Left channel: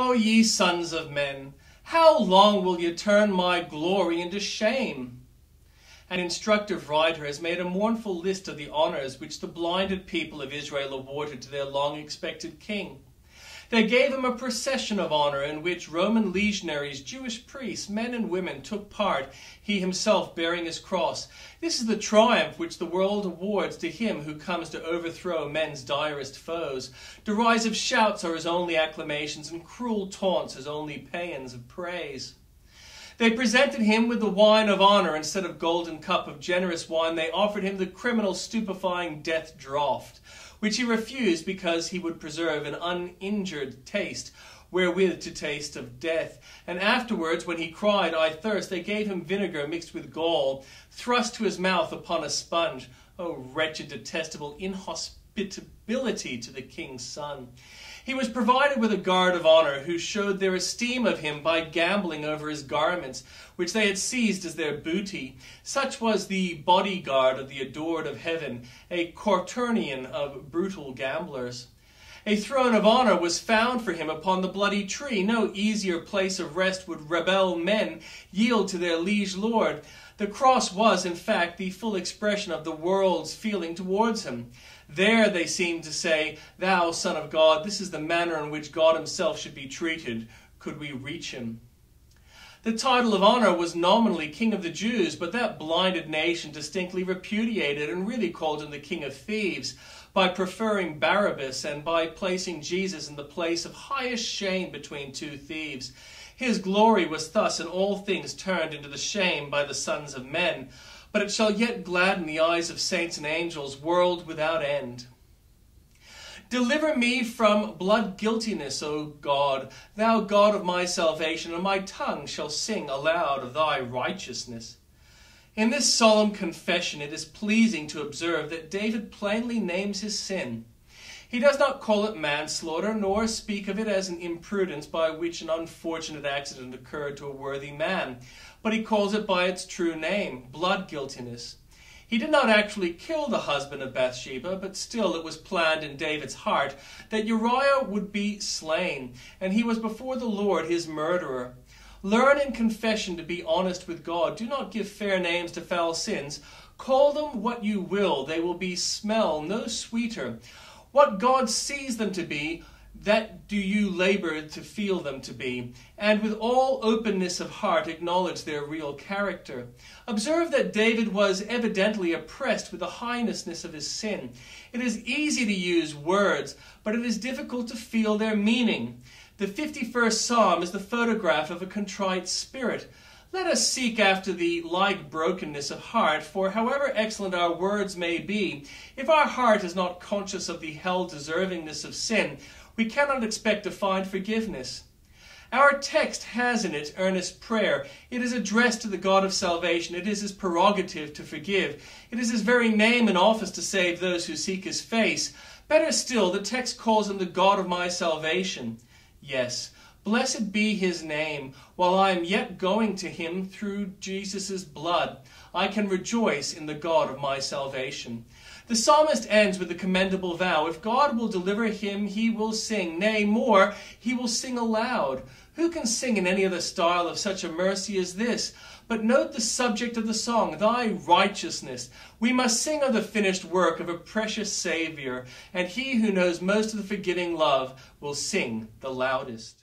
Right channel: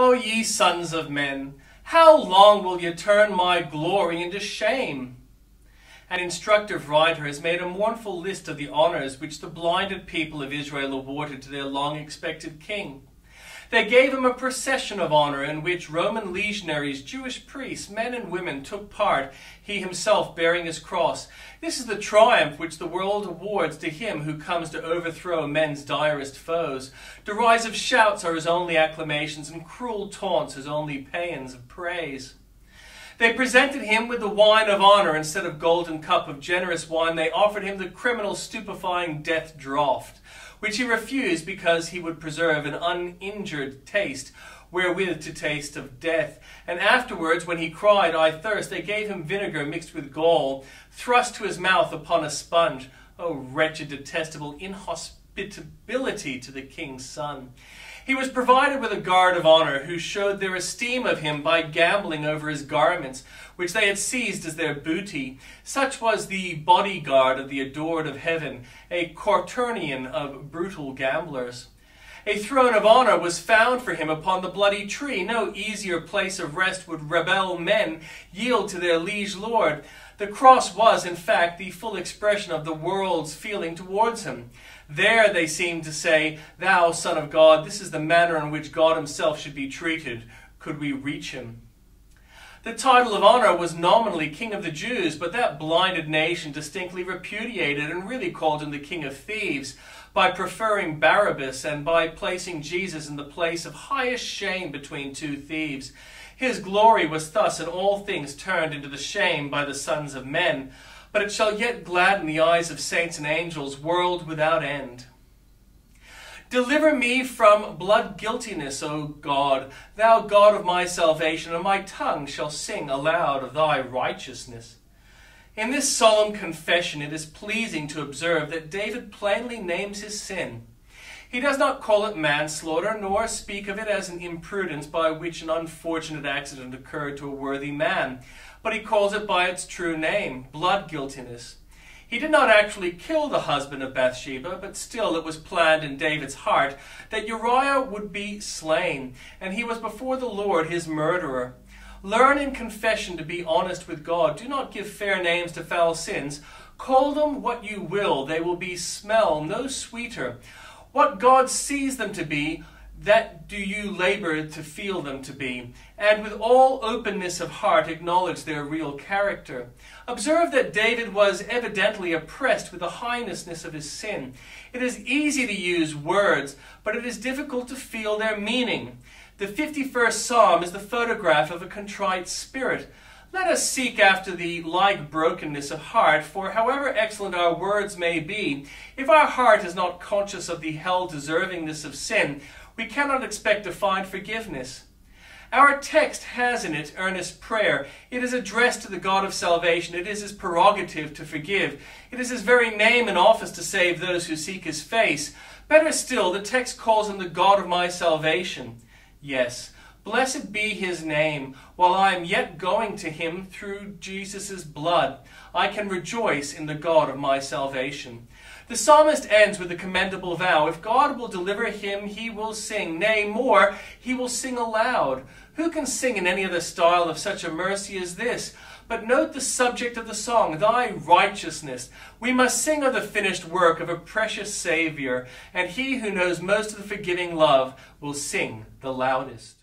O ye sons of men, how long will ye turn my glory into shame? An instructive writer has made a mournful list of the honors which the blinded people of Israel awarded to their long-expected king. They gave him a procession of honor in which Roman legionaries, Jewish priests, men and women took part, he himself bearing his cross. This is the triumph which the world awards to him who comes to overthrow men's direst foes. Derisive shouts are his only acclamations, and cruel taunts his only paeans of praise. They presented him with the wine of honor instead of golden cup of generous wine. They offered him the criminal stupefying death draught, which he refused because he would preserve an uninjured taste, wherewith to taste of death. And afterwards, when he cried, I thirst, they gave him vinegar mixed with gall, thrust to his mouth upon a sponge. O wretched, detestable inhospitability to the king's son! He was provided with a guard of honor, who showed their esteem of him by gambling over his garments, which they had seized as their booty. Such was the bodyguard of the adored of heaven, a quaternion of brutal gamblers. A throne of honor was found for him upon the bloody tree. No easier place of rest would rebel men yield to their liege lord. The cross was, in fact, the full expression of the world's feeling towards him. There they seemed to say, Thou, Son of God, this is the manner in which God himself should be treated, could we reach him. The title of honor was nominally King of the Jews, but that blinded nation distinctly repudiated and really called him the King of Thieves, by preferring Barabbas and by placing Jesus in the place of highest shame between two thieves. His glory was thus in all things turned into the shame by the sons of men, but it shall yet gladden the eyes of saints and angels, world without end. Deliver me from blood guiltiness, O God, thou God of my salvation, and my tongue shall sing aloud of thy righteousness. In this solemn confession it is pleasing to observe that David plainly names his sin. He does not call it manslaughter, nor speak of it as an imprudence by which an unfortunate accident occurred to a worthy man, but he calls it by its true name, blood guiltiness. He did not actually kill the husband of Bathsheba, but still it was planned in David's heart that Uriah would be slain, and he was before the Lord his murderer. Learn in confession to be honest with God. Do not give fair names to foul sins. Call them what you will, they will be smell no sweeter. What God sees them to be, that do you labor to feel them to be, and with all openness of heart acknowledge their real character. Observe that David was evidently oppressed with the heinousness of his sin. It is easy to use words, but it is difficult to feel their meaning. The 51st Psalm is the photograph of a contrite spirit. Let us seek after the like brokenness of heart, for however excellent our words may be, if our heart is not conscious of the hell-deservingness of sin, we cannot expect to find forgiveness. Our text has in it earnest prayer. It is addressed to the God of salvation. It is his prerogative to forgive. It is his very name and office to save those who seek his face. Better still, the text calls him the God of my salvation. Yes, blessed be his name. While I am yet going to him through Jesus' blood, I can rejoice in the God of my salvation. The psalmist ends with the commendable vow. If God will deliver him, he will sing. Nay, more, he will sing aloud. Who can sing in any other style of such a mercy as this? But note the subject of the song, thy righteousness. We must sing of the finished work of a precious Savior, and he who knows most of the forgiving love will sing the loudest.